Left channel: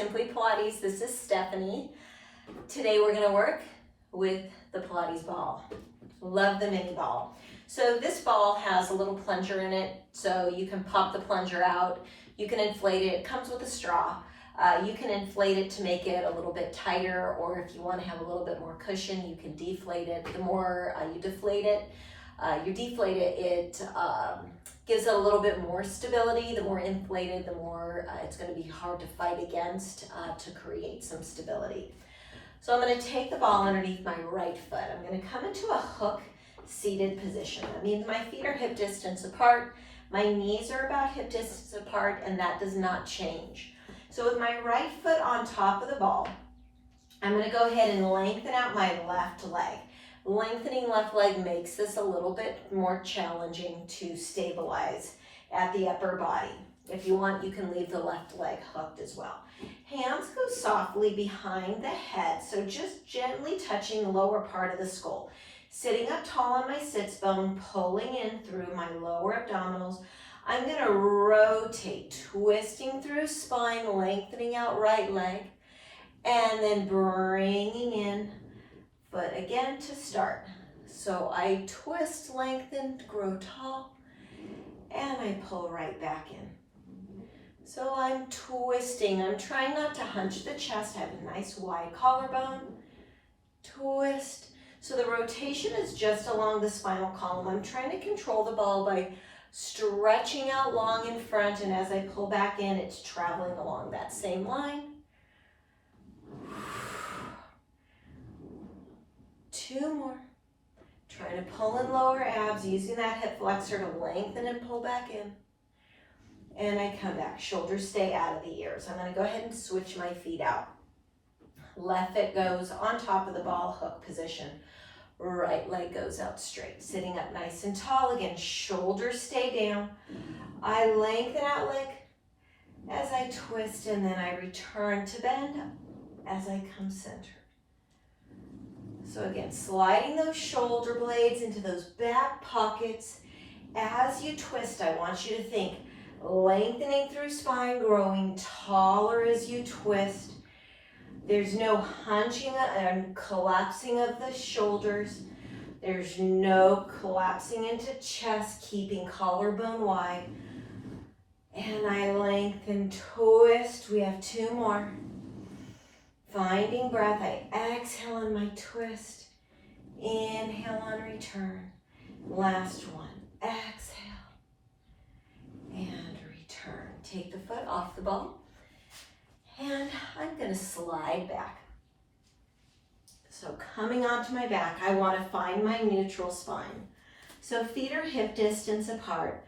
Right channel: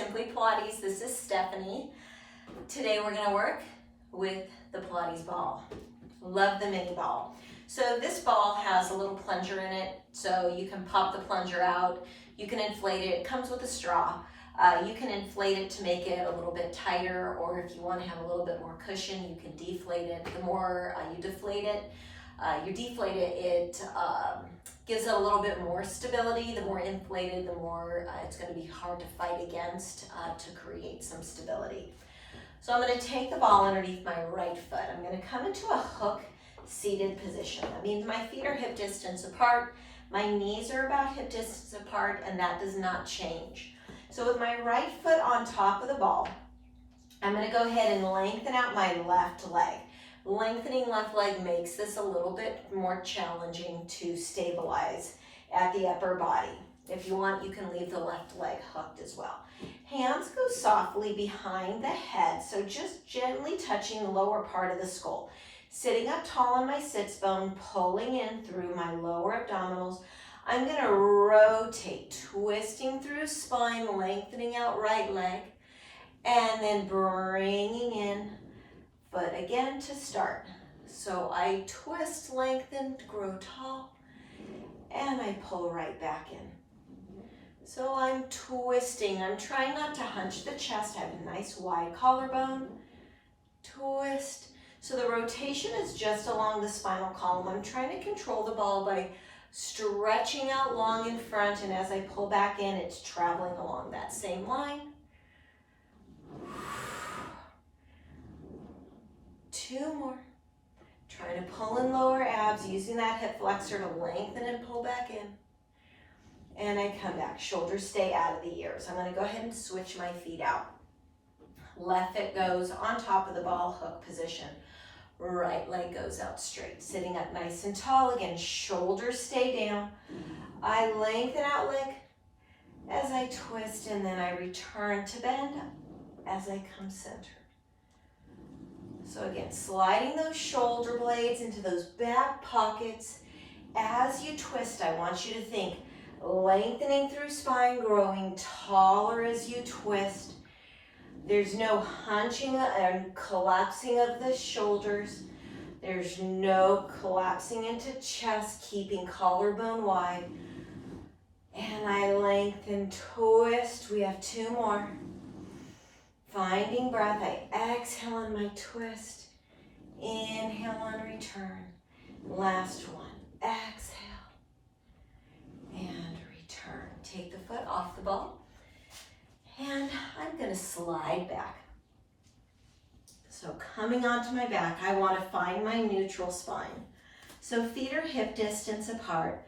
Simply Pilates. This is Stephanie. Today we're going to work with the Pilates ball. Love the mini ball. So this ball has a little plunger in it, so you can pop the plunger out. You can inflate it. It comes with a straw. You can inflate it to make it a little bit tighter, or if you want to have a little bit more cushion, you can deflate it. The more you deflate it, it gives it a little bit more stability. The more inflated, the more it's going to be hard to fight against to create some stability. So I'm going to take the ball underneath my right foot. I'm going to come into a hook seated position. That means my feet are hip distance apart, my knees are about hip distance apart, and that does not change. So with my right foot on top of the ball, I'm going to go ahead and lengthen out my left leg. Lengthening left leg makes this a little bit more challenging to stabilize at the upper body. If you want, you can leave the left leg hooked as well. Hands go softly behind the head, so just gently touching the lower part of the skull. Sitting up tall on my sits bone, pulling in through my lower abdominals. I'm going to rotate, twisting through spine, lengthening out right leg, and then bringing in foot again to start. So I twist, lengthen, grow tall, and I pull right back in. So I'm twisting. I'm trying not to hunch the chest. I have a nice wide collarbone. Twist. So the rotation is just along the spinal column. I'm trying to control the ball by stretching out long in front, and as I pull back in, it's traveling along that same line. 2 more. Trying to pull in lower abs, using that hip flexor to lengthen and pull back in. And I come back. Shoulders stay out of the ears. I'm going to go ahead and switch my feet out. Left foot goes on top of the ball, hook position. Right leg goes out straight. Sitting up nice and tall again. Shoulders stay down. I lengthen out leg as I twist, and then I return to bend as I come centered. So again, sliding those shoulder blades into those back pockets. As you twist, I want you to think lengthening through spine, growing taller as you twist. There's no hunching and collapsing of the shoulders. There's no collapsing into chest, keeping collarbone wide. And I lengthen, twist. We have 2 more. Finding breath, I exhale on my twist. Inhale on return. Last one. Exhale. And return. Take the foot off the ball. And I'm going to slide back. So coming onto my back, I want to find my neutral spine. So feet are hip distance apart.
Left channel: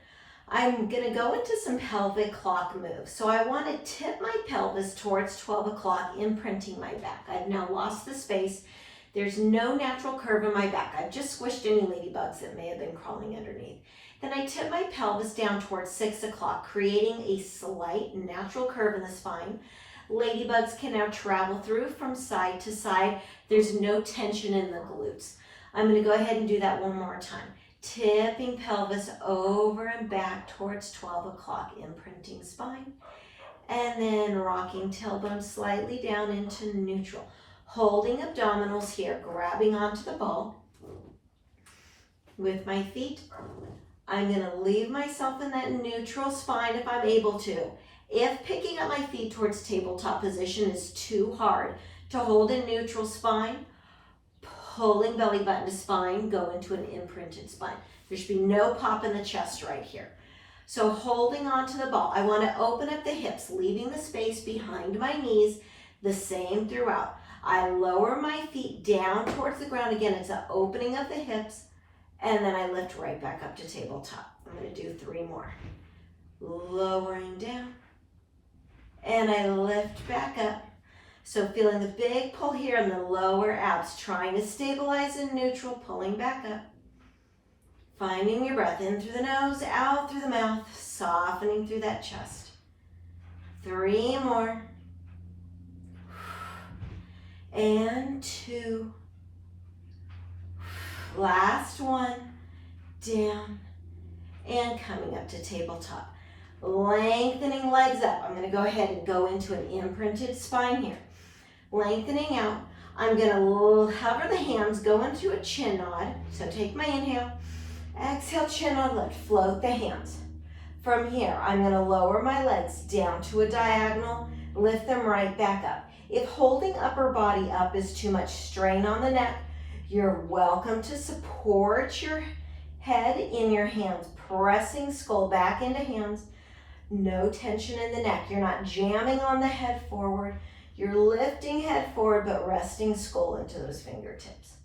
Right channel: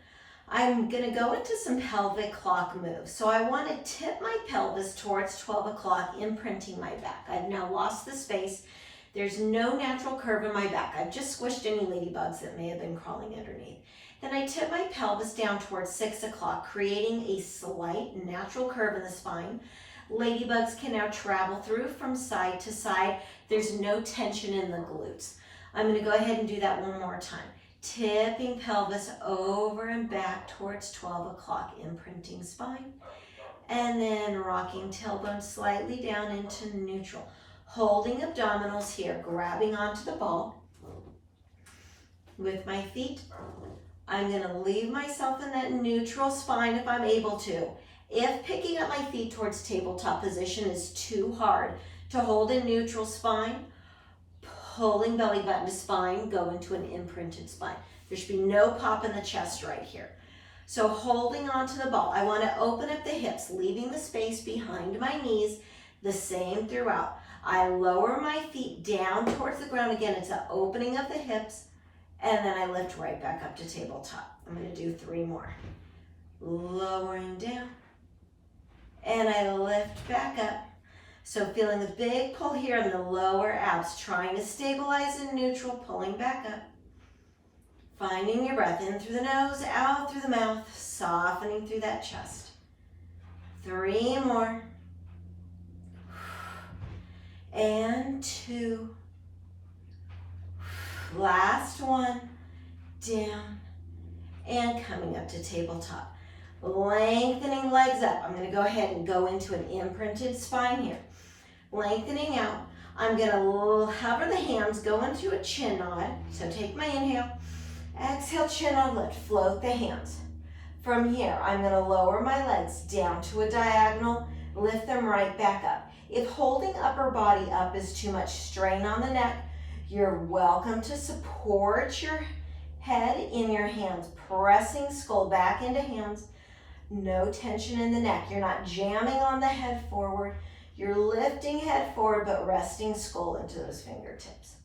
I'm going to go into some pelvic clock moves. So I want to tip my pelvis towards 12 o'clock, imprinting my back. I've now lost the space. There's no natural curve in my back. I've just squished any ladybugs that may have been crawling underneath. Then I tip my pelvis down towards 6 o'clock, creating a slight natural curve in the spine. Ladybugs can now travel through from side to side. There's no tension in the glutes. I'm going to go ahead and do that one more time. Tipping pelvis over and back towards 12 o'clock, imprinting spine. And then rocking tailbone slightly down into neutral. Holding abdominals here, grabbing onto the ball. With my feet, I'm going to leave myself in that neutral spine if I'm able to. If picking up my feet towards tabletop position is too hard to hold in neutral spine, pulling belly button to spine, go into an imprinted spine. There should be no pop in the chest right here. So holding onto the ball, I want to open up the hips, leaving the space behind my knees, the same throughout. I lower my feet down towards the ground. Again, it's an opening of the hips, and then I lift right back up to tabletop. I'm going to do 3 more. Lowering down. And I lift back up. So feeling the big pull here in the lower abs, trying to stabilize in neutral, pulling back up. Finding your breath in through the nose, out through the mouth, softening through that chest. 3 more. And 2. Last one. Down. And coming up to tabletop. Lengthening legs up. I'm gonna go ahead and go into an imprinted spine here. Lengthening out. I'm gonna hover the hands, go into a chin nod. So take my inhale, exhale, chin nod, lift, float the hands. From here, I'm gonna lower my legs down to a diagonal, lift them right back up. If holding upper body up is too much strain on the neck, you're welcome to support your head in your hands, pressing skull back into hands. No tension in the neck. You're not jamming on the head forward. You're lifting head forward, but resting skull into those fingertips.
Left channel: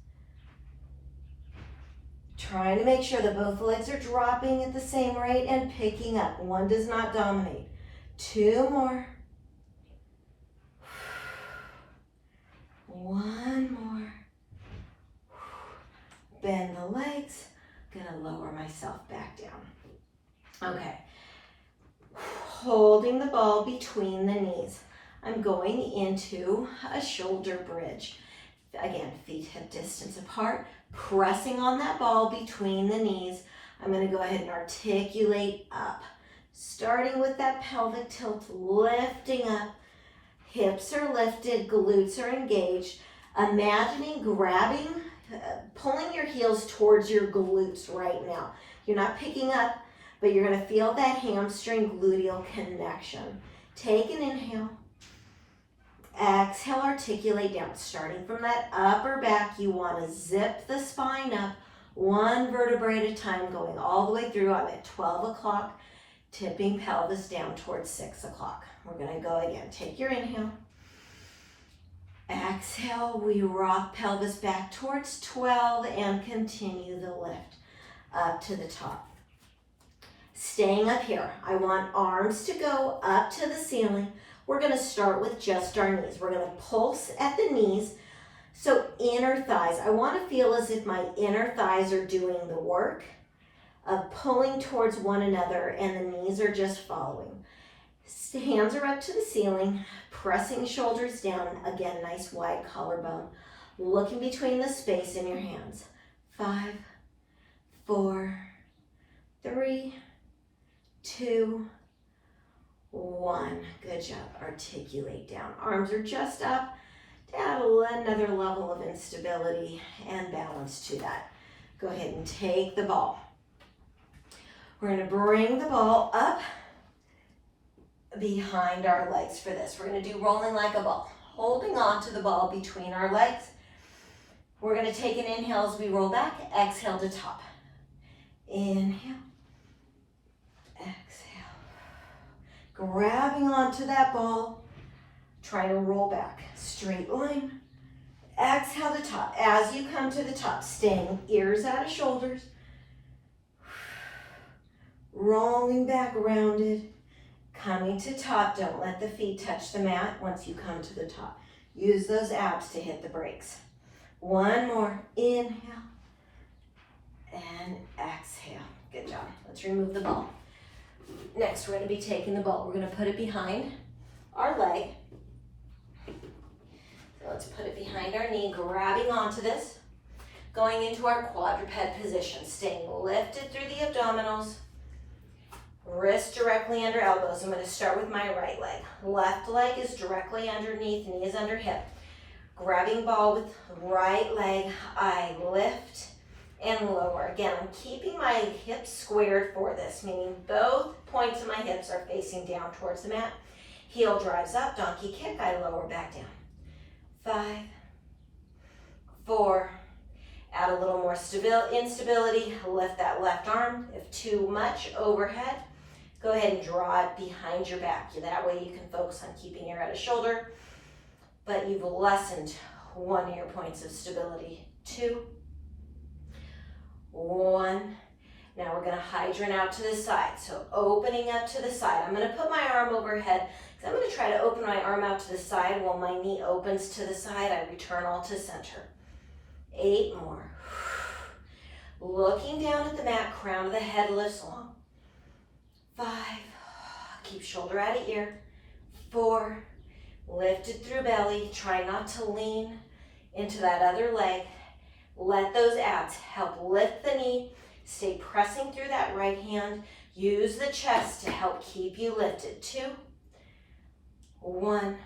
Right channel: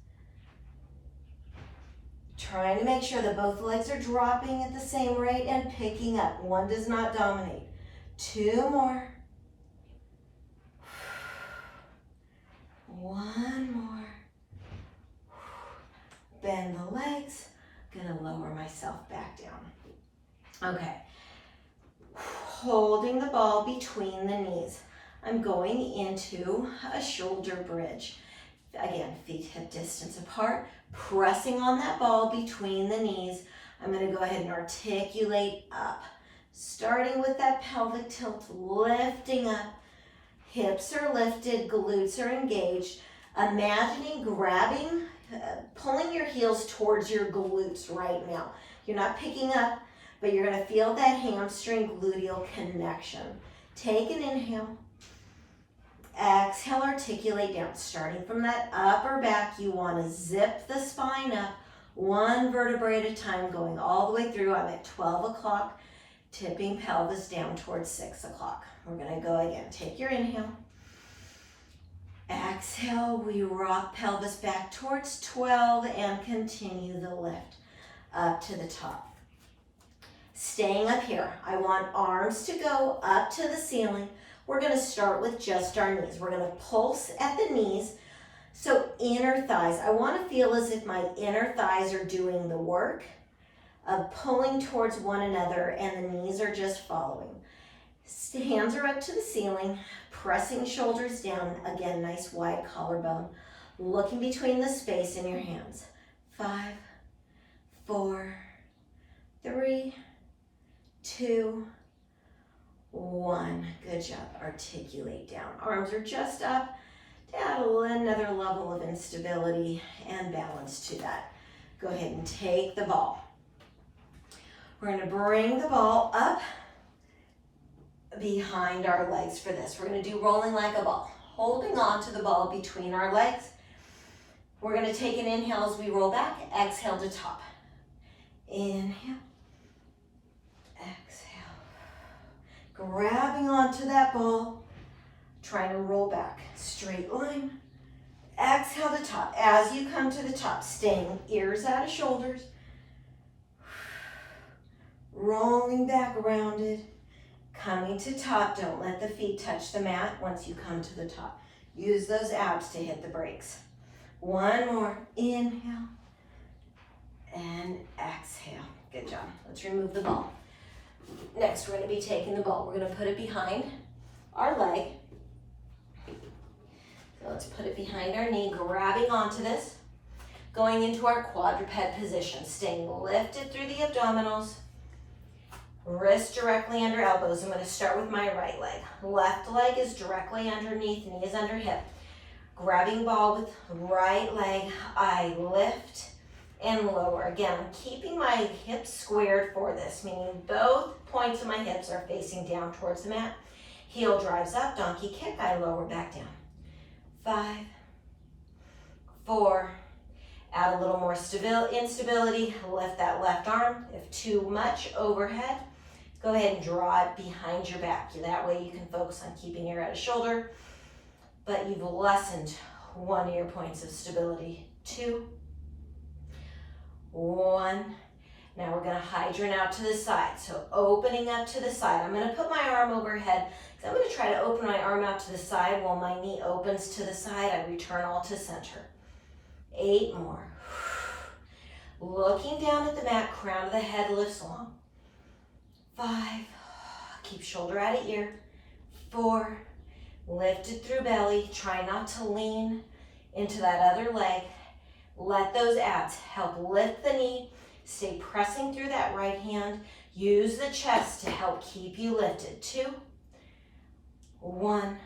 Trying to make sure that both legs are dropping at the same rate and picking up. One does not dominate. 2 more. 1 more. Bend the legs. Gonna lower myself back down. Okay. Holding the ball between the knees. I'm going into a shoulder bridge. Again, feet hip distance apart, pressing on that ball between the knees. I'm gonna go ahead and articulate up. Starting with that pelvic tilt, lifting up. Hips are lifted, glutes are engaged. Imagining grabbing, pulling your heels towards your glutes right now. You're not picking up, but you're gonna feel that hamstring gluteal connection. Take an inhale. Exhale, articulate down. Starting from that upper back, you wanna zip the spine up, 1 vertebrae at a time, going all the way through. I'm at 12 o'clock, tipping pelvis down towards 6 o'clock. We're gonna go again. Take your inhale. Exhale, we rock pelvis back towards 12 and continue the lift up to the top. Staying up here, I want arms to go up to the ceiling. We're gonna start with just our knees. We're gonna pulse at the knees. So inner thighs, I wanna feel as if my inner thighs are doing the work of pulling towards one another and the knees are just following. Hands are up to the ceiling, pressing shoulders down. Again, nice wide collarbone. Looking between the space in your hands. 5, 4, 3, 2, 1. Good job. Articulate down. Arms are just up to add another level of instability and balance to that. Go ahead and take the ball. We're going to bring the ball up behind our legs for this. We're going to do rolling like a ball, holding on to the ball between our legs. We're going to take an inhale as we roll back, exhale to top. Inhale, exhale. Grabbing onto that ball, trying to roll back, straight line. Exhale to top. As you come to the top, staying ears out of shoulders. Rolling back, rounded. Coming to top, don't let the feet touch the mat once you come to the top. Use those abs to hit the brakes. 1 more, inhale and exhale. Good job. Let's remove the ball. Next, we're gonna be taking the ball. We're gonna put it behind our leg. So let's put it behind our knee, grabbing onto this. Going into our quadruped position, staying lifted through the abdominals. Wrists directly under elbows. I'm going to start with my right leg. Left leg is directly underneath, knees under hip. Grabbing ball with right leg, I lift and lower. Again, I'm keeping my hips squared for this, meaning both points of my hips are facing down towards the mat. Heel drives up, donkey kick, I lower back down. 5, 4, add a little more instability, lift that left arm. If too much overhead, go ahead and draw it behind your back. That way you can focus on keeping your head of shoulder, but you've lessened 1 of your points of stability. 2, 1. Now we're gonna hydrant out to the side. So opening up to the side. I'm gonna put my arm overhead because I'm gonna try to open my arm out to the side while my knee opens to the side. I return all to center. 8 more. Looking down at the mat, crown of the head lifts long. 5, keep shoulder out of ear. 4, lifted through belly. Try not to lean into that other leg. Let those abs help lift the knee. Stay pressing through that right hand. Use the chest to help keep you lifted. 2, 1,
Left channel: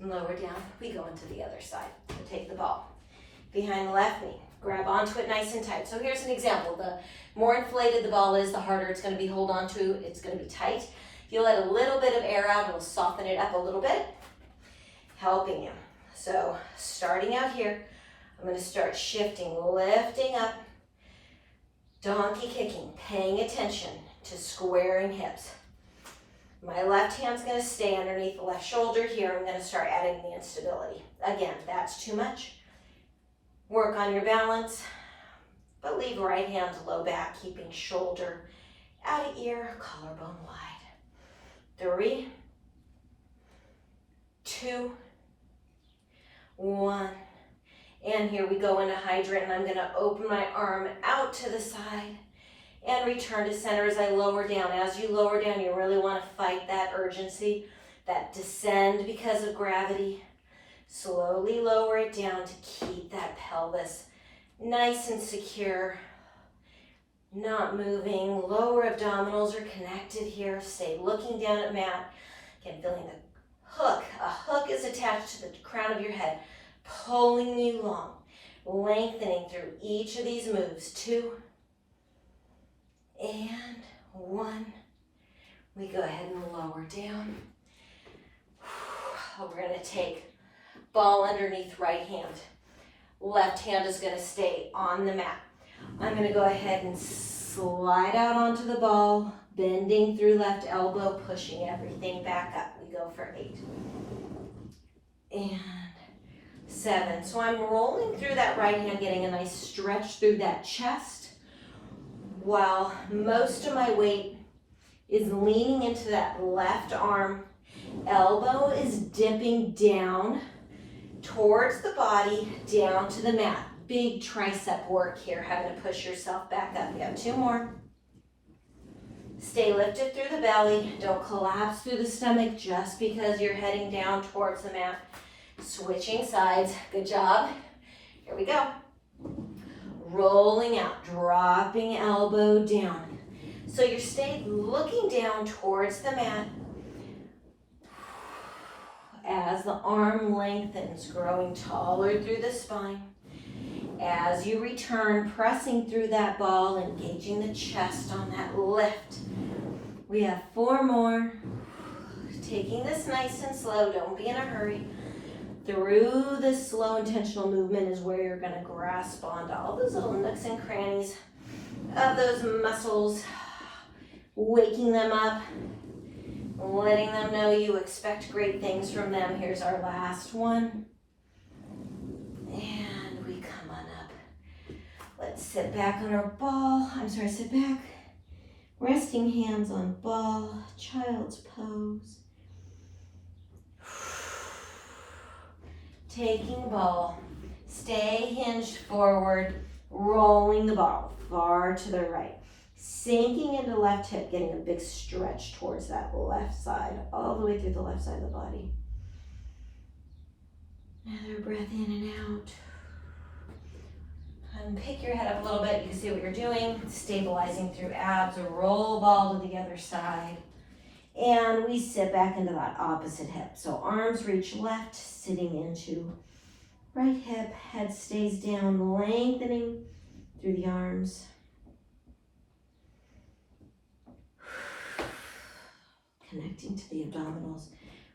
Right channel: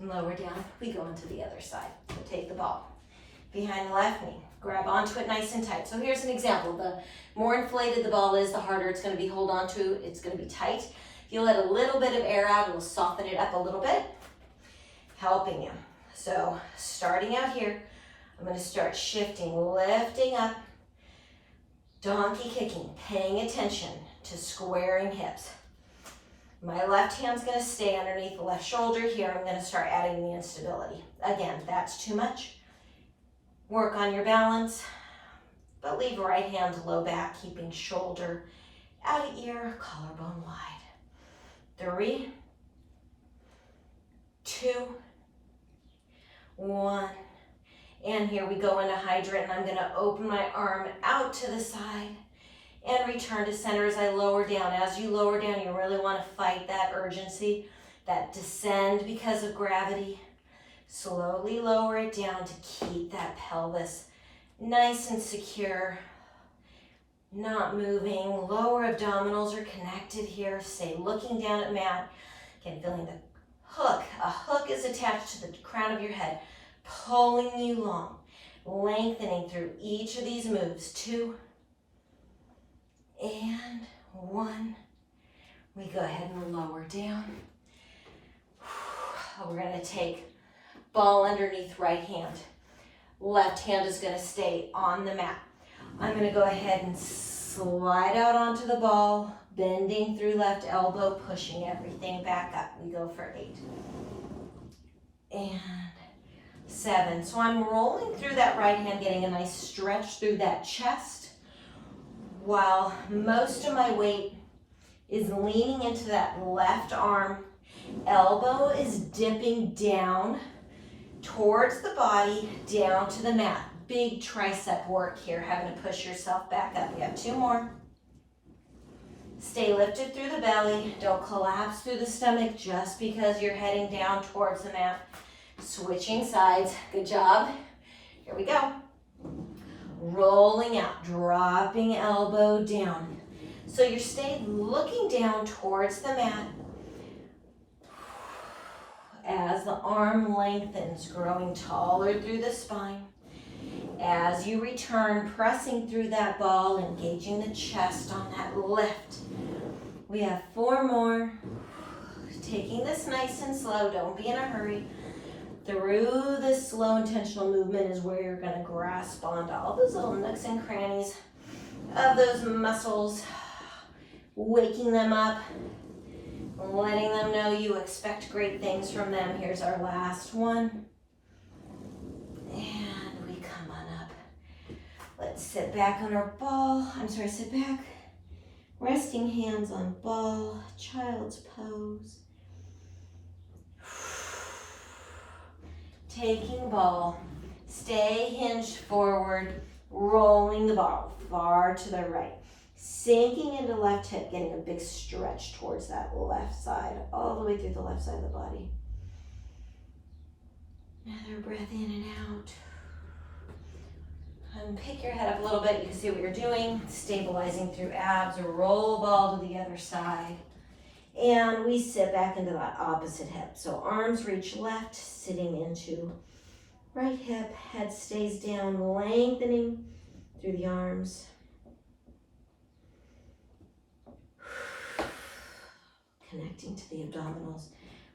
lower down. We go into the other side. We'll take the ball behind the left knee. Grab onto it nice and tight. So here's an example. The more inflated the ball is, the harder it's going to be hold on to. It's going to be tight. If you let a little bit of air out, it'll soften it up a little bit, helping you. So starting out here, I'm going to start shifting, lifting up, donkey kicking, paying attention to squaring hips. My left hand's going to stay underneath the left shoulder here. I'm going to start adding the instability. Again, if that's too much, work on your balance, but leave right hand low back, keeping shoulder out of ear, collarbone wide. 3, 2, 1. And here we go into hydrant, and I'm going to open my arm out to the side and return to center as I lower down. As you lower down, you really want to fight that urgency, that descend because of gravity. Slowly lower it down to keep that pelvis nice and secure, not moving. Lower abdominals are connected here. Stay looking down at mat. Again, feeling the hook. A hook is attached to the crown of your head, pulling you long, lengthening through each of these moves. 2 and 1. We go ahead and lower down. We're going to take ball underneath right hand. Left hand is going to stay on the mat. I'm going to go ahead and slide out onto the ball, bending through left elbow, pushing everything back up. We go for 8 and 7. So I'm rolling through that right hand, getting a nice stretch through that chest, while most of my weight is leaning into that left arm. Elbow is dipping down towards the body, down to the mat. Big tricep work here, having to push yourself back up. You have 2 more. Stay lifted through the belly. Don't collapse through the stomach just because you're heading down towards the mat. Switching sides. Good job. Here we go. Rolling out, dropping elbow down. So you're staying looking down towards the mat as the arm lengthens, growing taller through the spine. As you return, pressing through that ball, engaging the chest on that lift. We have 4 more. Taking this nice and slow, don't be in a hurry. Through this slow intentional movement is where you're gonna grasp onto all those little nooks and crannies of those muscles, waking them up, letting them know you expect great things from them. Here's our last one. And we come on up. Let's sit back on our ball. Sit back. Resting hands on ball, child's pose. Taking ball, stay hinged forward, rolling the ball far to the right. Sinking into left hip, getting a big stretch towards that left side, all the way through the left side of the body. Another breath in and out. And pick your head up a little bit. You can see what you're doing. Stabilizing through abs. Roll ball to the other side. And we sit back into that opposite hip. So arms reach left, sitting into right hip. Head stays down, lengthening through the arms. Connecting to the abdominals,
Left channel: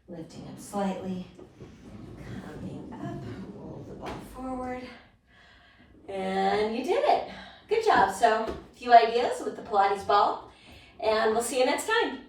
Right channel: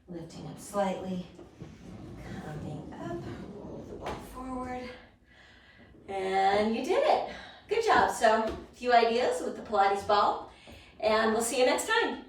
lifting up slightly, coming up, roll the ball forward, and you did it. Good job. So a few ideas with the Pilates ball, and we'll see you next time.